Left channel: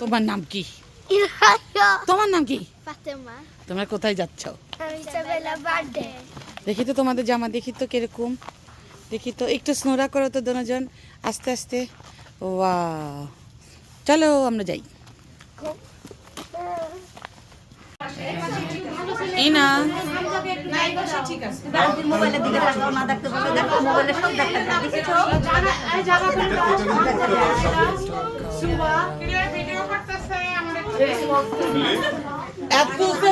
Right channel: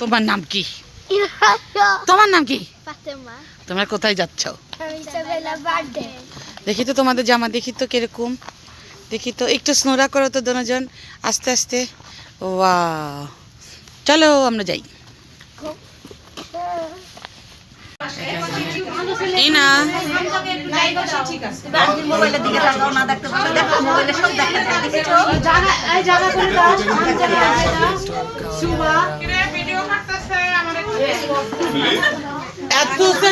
তোমার নাম কি? তোমার নাম কি? তোমরা কোথায় যাচ্ছ? দেখি তো তোমাদের জামা, দেখি তো কিরকম, দেখি তো একটু স্নোরা করো তো দুজন আস্তে আস্তে। ওয়াও, চলো আমরা যাই। এই না এত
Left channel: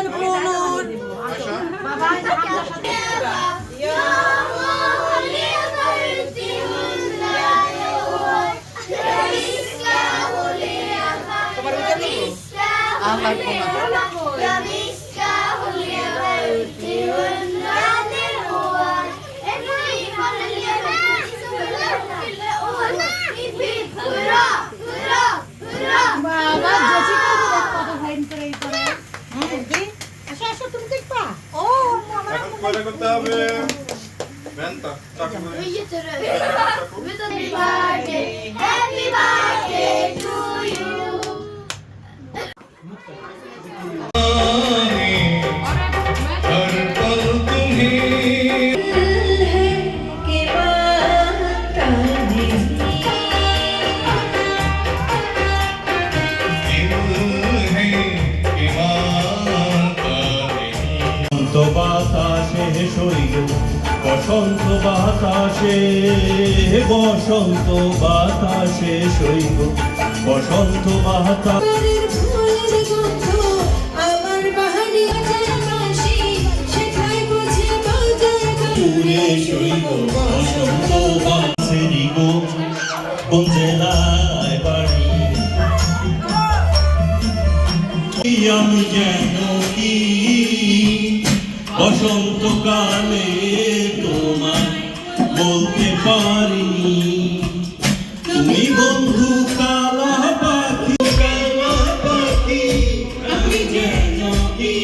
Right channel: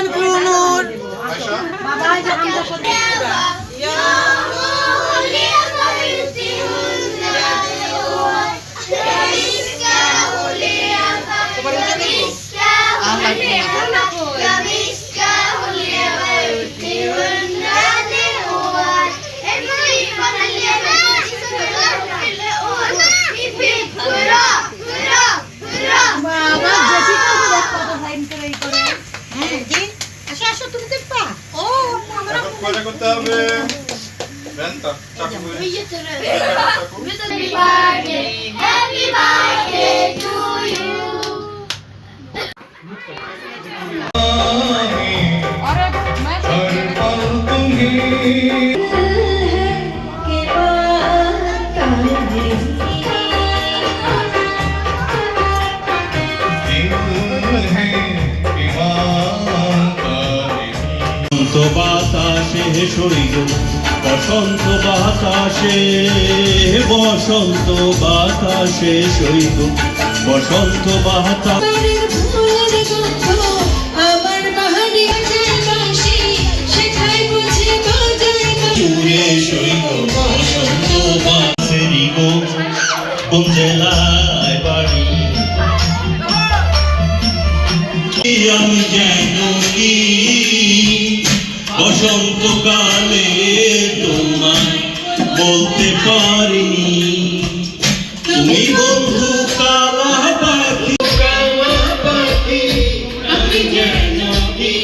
বাতাসে সরিল বসন্ত বাতাসে, বসন্ত বাতাসে সরিল বসন্ত বাতাসে সরিল বসন্ত বাতাসেরি গো কোন জেলায় বাড়ি আমি যেন কি বসন্তকালে তোমায় বলতে পারিনি, তুমি বন্ধু কালা পাখি, কালা পাখি আমি যেন কি।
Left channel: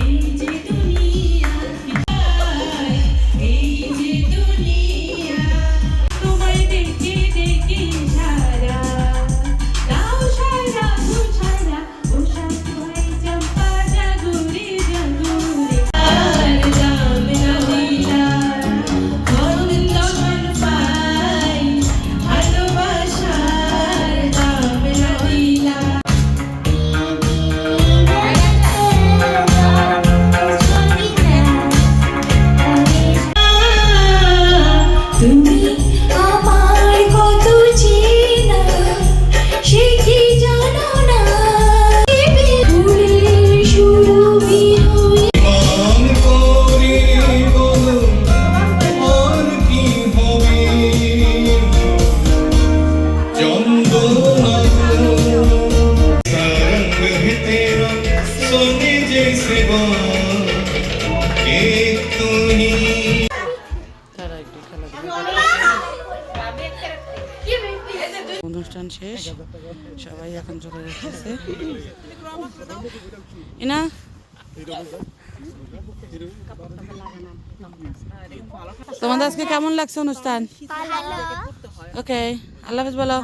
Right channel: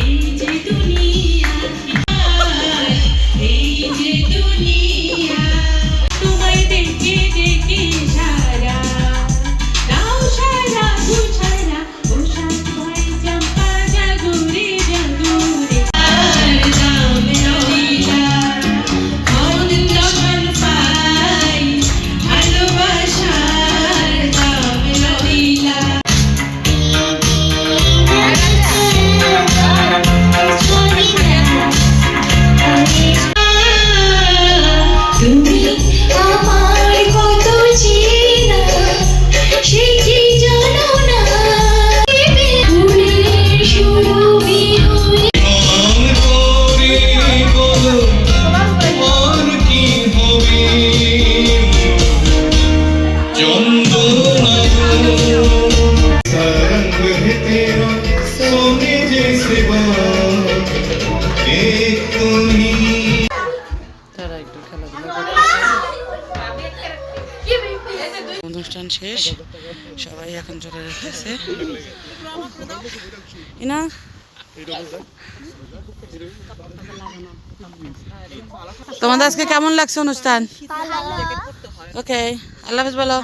এই যে দুনিয়া, এই যে দুনিয়া তোমায় দেখে দেখে সারা নাও সারা বুঝারা ওষা তোমায় চম্পা জাগুরে জাগুরে আর দাম রহিলা মন তখন পাই ভালোবাসার দাম রহিলা। তুমি আমায় কত চেনা সে কি জানো না, ফুলের সুরভি হয়ে মন করে বলো আর কি হবে চন্দনা সরঙ্গ তেরা সোনে জैसे बाल एक तुनी। তারা একটু খেলাধুলা করতেছে। অনুষ্ঠান শেষ, সবাই এখন চলে যাচ্ছে। ইনা তোমাদের আজকে কেমন লাগছে অনুষ্ঠান? ওকে, আল্লাহ হাফেজ বলো।